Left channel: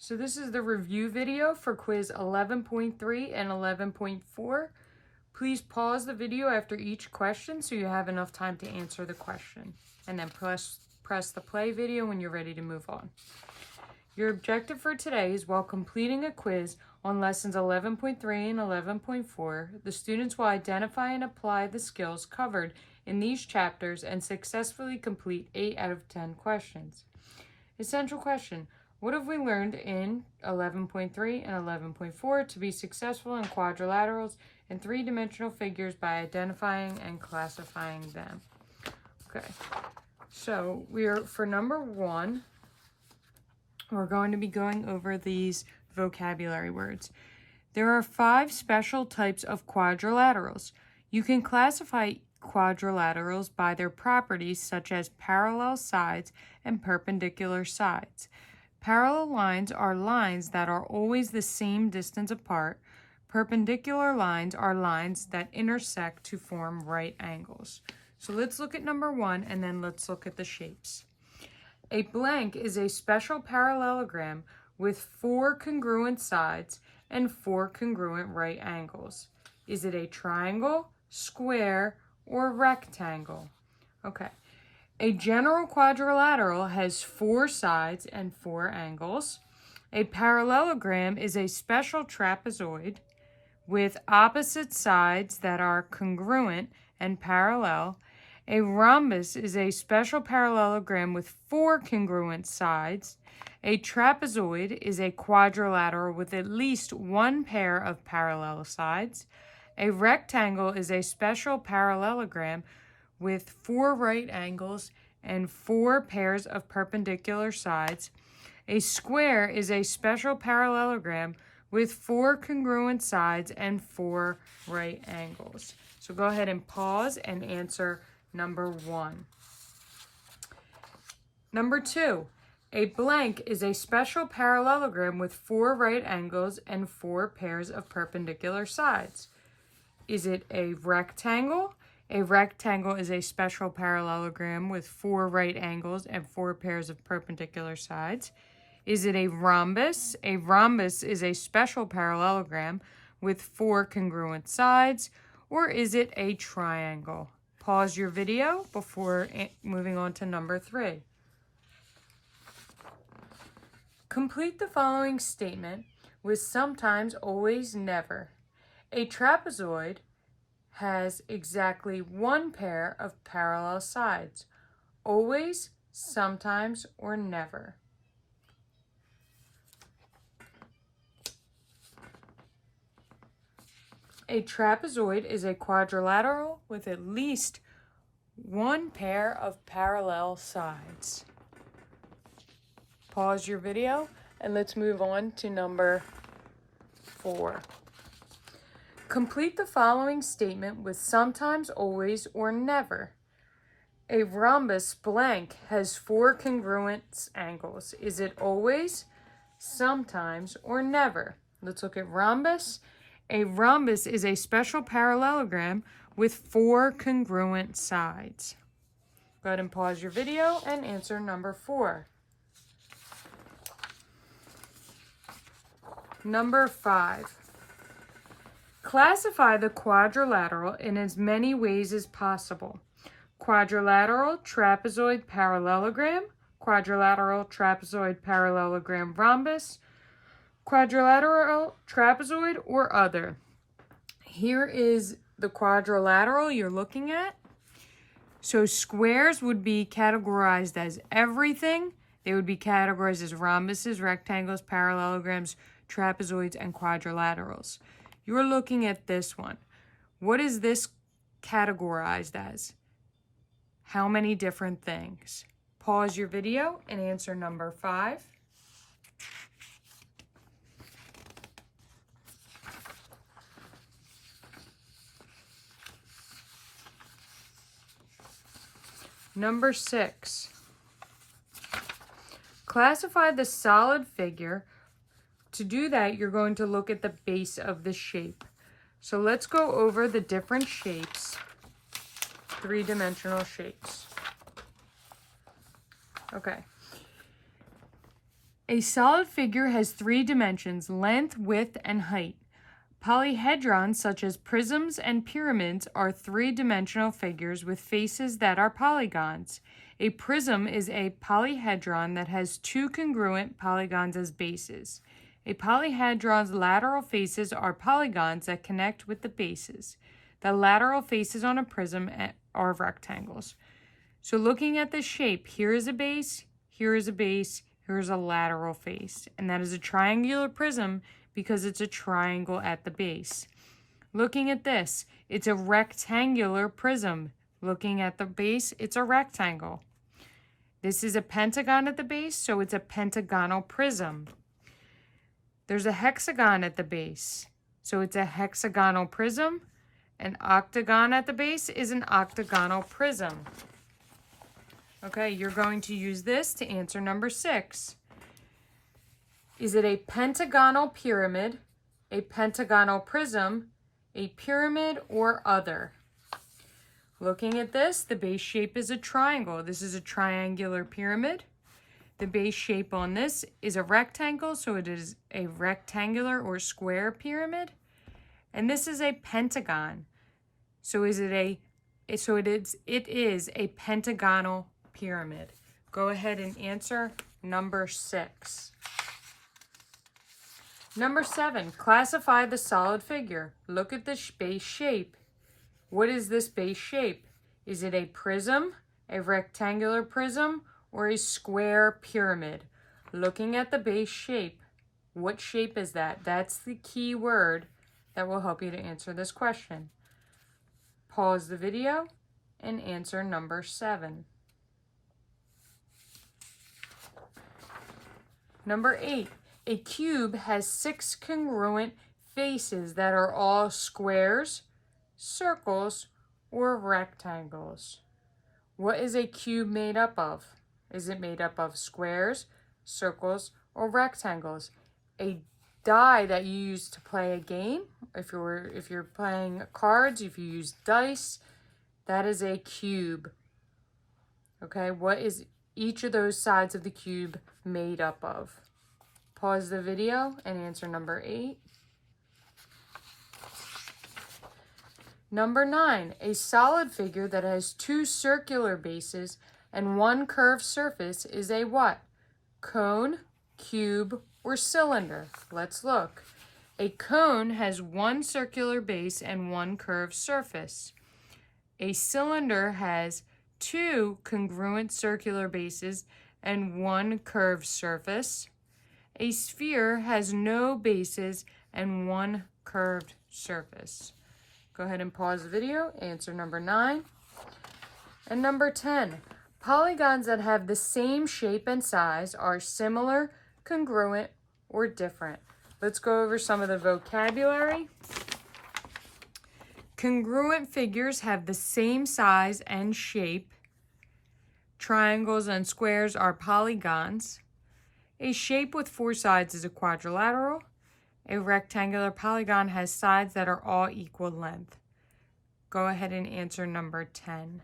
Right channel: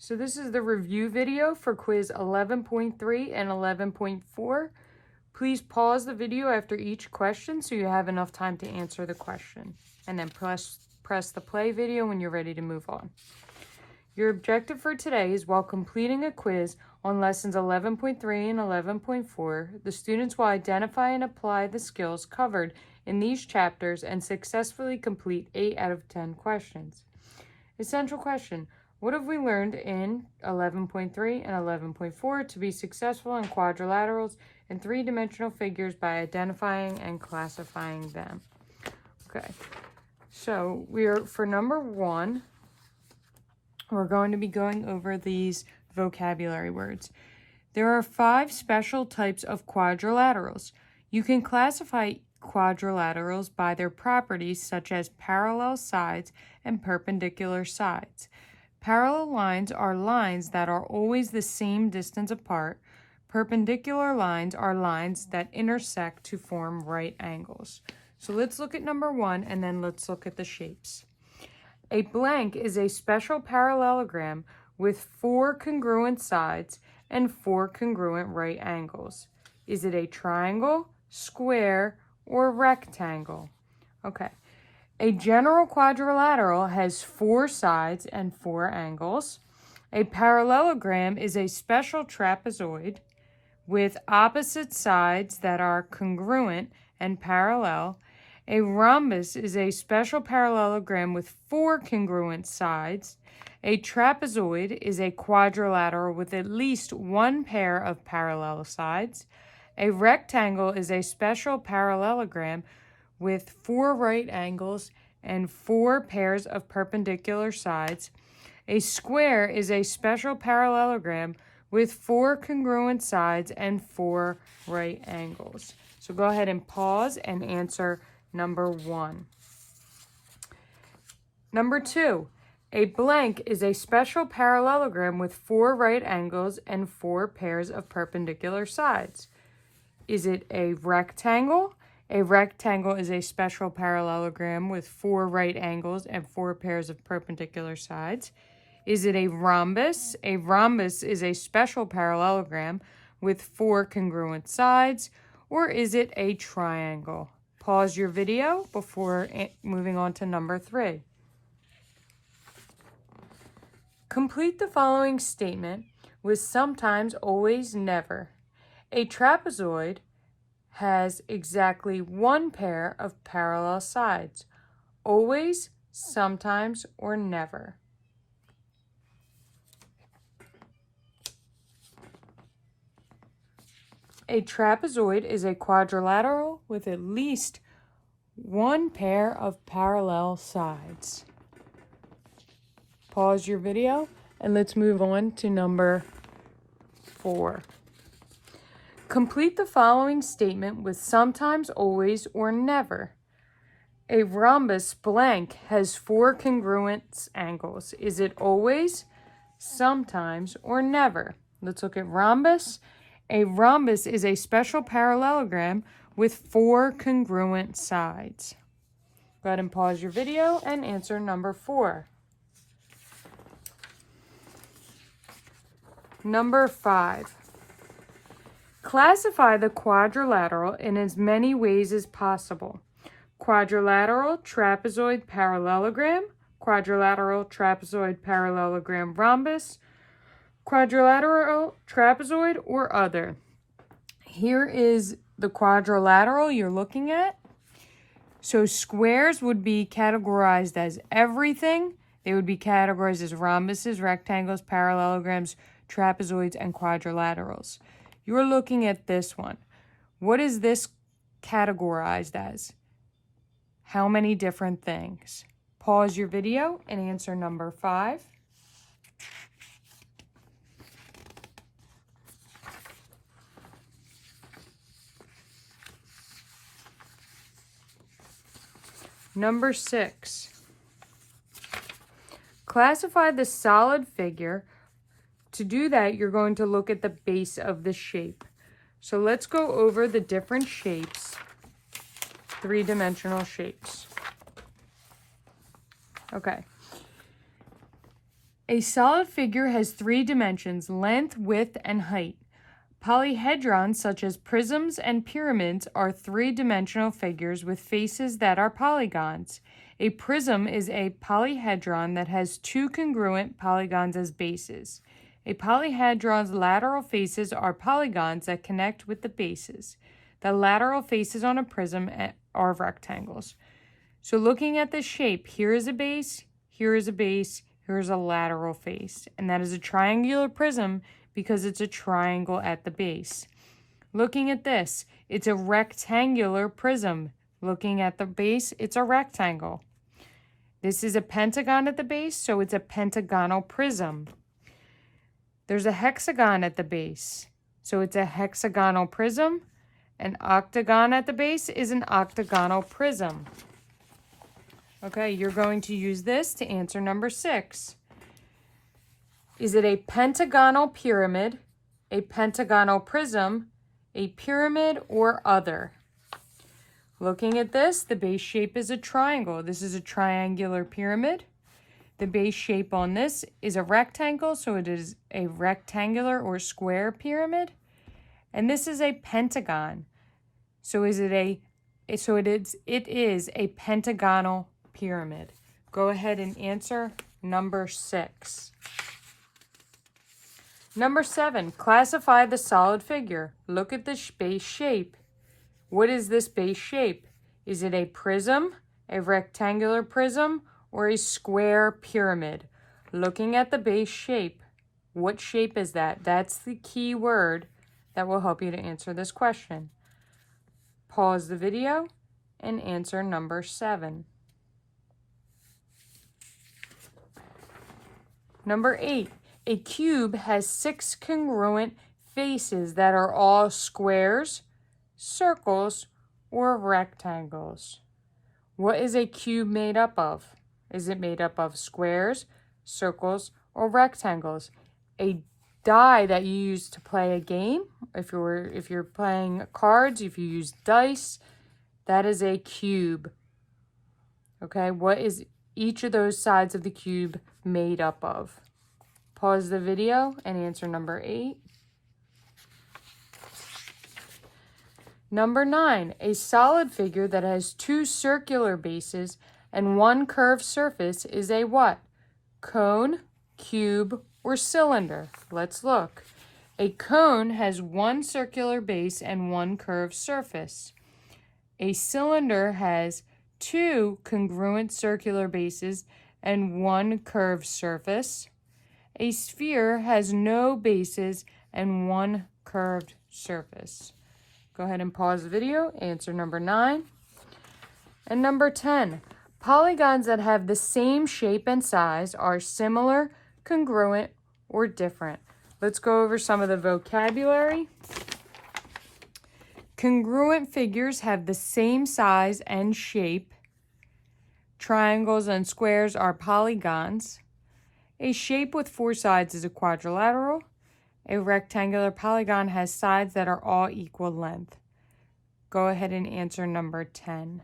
So this is the review video for quiz 11.3 and 11.4. Please pause the video after each question so you have enough time to answer the question. And then press the play video when you're ready to move on. Your objective for today is, while completing a quiz on lessons 11.3 and 11.4, the students will identify and apply the skills covered in these chapters and successfully complete 8 out of 10 questions. Essential question: what have we learned in 11.3 and 11.4 to be successful in quadrilaterals and three-dimensional figures by identifying and classifying them? Okay, so for number 1, we're going to be going over these vocabulary words. There are 5 special types of quadrilaterals. You can classify quadrilaterals by their properties such as parallel sides and perpendicular sides. Parallel lines are lines that are always the same distance apart. Perpendicular lines are lines that intersect to form right angles. So let's look at number 1 and then let's look at the shapes. A blank is a special parallelogram with 4 congruent sides and 4 congruent right angles. Is it a triangle, square, or rectangle? Okay. A general quadrilateral has 4 sides and 4 angles. A parallelogram is a special trapezoid with opposite sides that are congruent and parallel. A rhombus is a special parallelogram with 4 congruent sides. A trapezoid is a quadrilateral with at least 1 pair of parallel sides. A rectangle is a special parallelogram with 4 right angles and 4 pairs of perpendicular sides. A square is a special parallelogram with 4 congruent sides and 4 right angles. So go ahead and pause and answer number 1. Number 2, a blank is a special parallelogram with 4 right angles and 4 pairs of perpendicular sides. Is it a rectangle? A rectangle is a special parallelogram with 4 right angles and 4 pairs of perpendicular sides. Is it a rhombus? A rhombus is a special parallelogram with 4 congruent sides. Or is it a triangle? Pause your video before moving on to number 3. Complete the following statement with sometimes, always, never. A trapezoid has exactly 1 pair of parallel sides. Always, sometimes, or never. A trapezoid is a quadrilateral with at least 1 pair of parallel sides. Pause your video and let's move on to number 4. Complete the following statement with sometimes, always, or never. A rhombus blank has 4 congruent angles. Is it always, sometimes, or never? Let's look at rhombus. A rhombus is a special parallelogram with 4 congruent sides. Go ahead and pause your video and answer number 4. Number 5. Classify the quadrilateral in as many ways as possible. Quadrilateral trapezoid parallelogram, quadrilateral trapezoid parallelogram rhombus, quadrilateral trapezoid, or other. Here is the quadrilateral you're looking at. So squares would be categorized as everything. They would be categorized as rhombuses, rectangles, parallelograms, trapezoids, and quadrilaterals. You're looking at this one. What is this categorized as? How many different things? Pause your video and answer number 5. Number 6. Classify the solid figure. To do that, you're going to look at the base of the shape. So let's go over the different shapes, 3-dimensional shapes. Okay. A solid figure has three dimensions: length, width, and height. Polyhedrons, such as prisms and pyramids, are three-dimensional figures with faces that are polygons. A prism is a polyhedron that has two congruent polygons as bases. A polyhedron's lateral faces are polygons that connect with the bases. The lateral faces on a prism are rectangles. So looking at the shape, here is a base, here is a base, here's a lateral face, and that is a triangular prism because it's a triangle at the base. Looking at this, it's a rectangular prism. Looking at the base, it's a rectangle. This is a pentagon at the base, so it's a pentagonal prism. There's a hexagon at the base, so it's a hexagonal prism. An octagon at the base is an octagonal prism. Okay, you're going to use this to answer number 6. Is it a pentagonal pyramid, a pentagonal prism, a pyramid, or other? Looking at this, the base shape is a triangle. This is a triangular pyramid. The base shape on this is a rectangle, so it is a rectangular or square pyramid. And this is a pentagon. So it is a pentagonal pyramid. Go ahead and answer number 6. Number 7, classify the solid figure. Look at the base shape. What is this base shape? Is it a prism, a rectangular prism, or a square pyramid? Looking at the base shape, what shape is that? That's the key word that will help you to answer this question. Pause the video and answer number 7. Number 8, a cube has 6 congruent faces that are all squares, circles, or rectangles. What is a cube made up of? Is it made up of squares, circles, or rectangles? A die that you use to play a game, if you're playing cards, if you use dice, that is a cube. Okay, what is each of those sides of the cube made up of? Pause the video and answer number 8. Number 9, a solid figure that has 2 circular bases and 1 curved surface is a what? Cone, cube, or cylinder? Let's look. A cone has 1 circular base and 1 curved surface. A cylinder has 2 congruent circular bases and 1 curved surface. A sphere has no bases and 1 curved surface. Go ahead and pause the video, answer number 9. And number 10, polygons that have the same shape and size are similar, congruent, or different. Let's go over some of the vocabulary. Congruent figures have the same size and shape. Triangles and squares are polygons. A shape with 4 sides is a quadrilateral. A rectangular polygon has sides that are all equal length. Go ahead and answer number 10.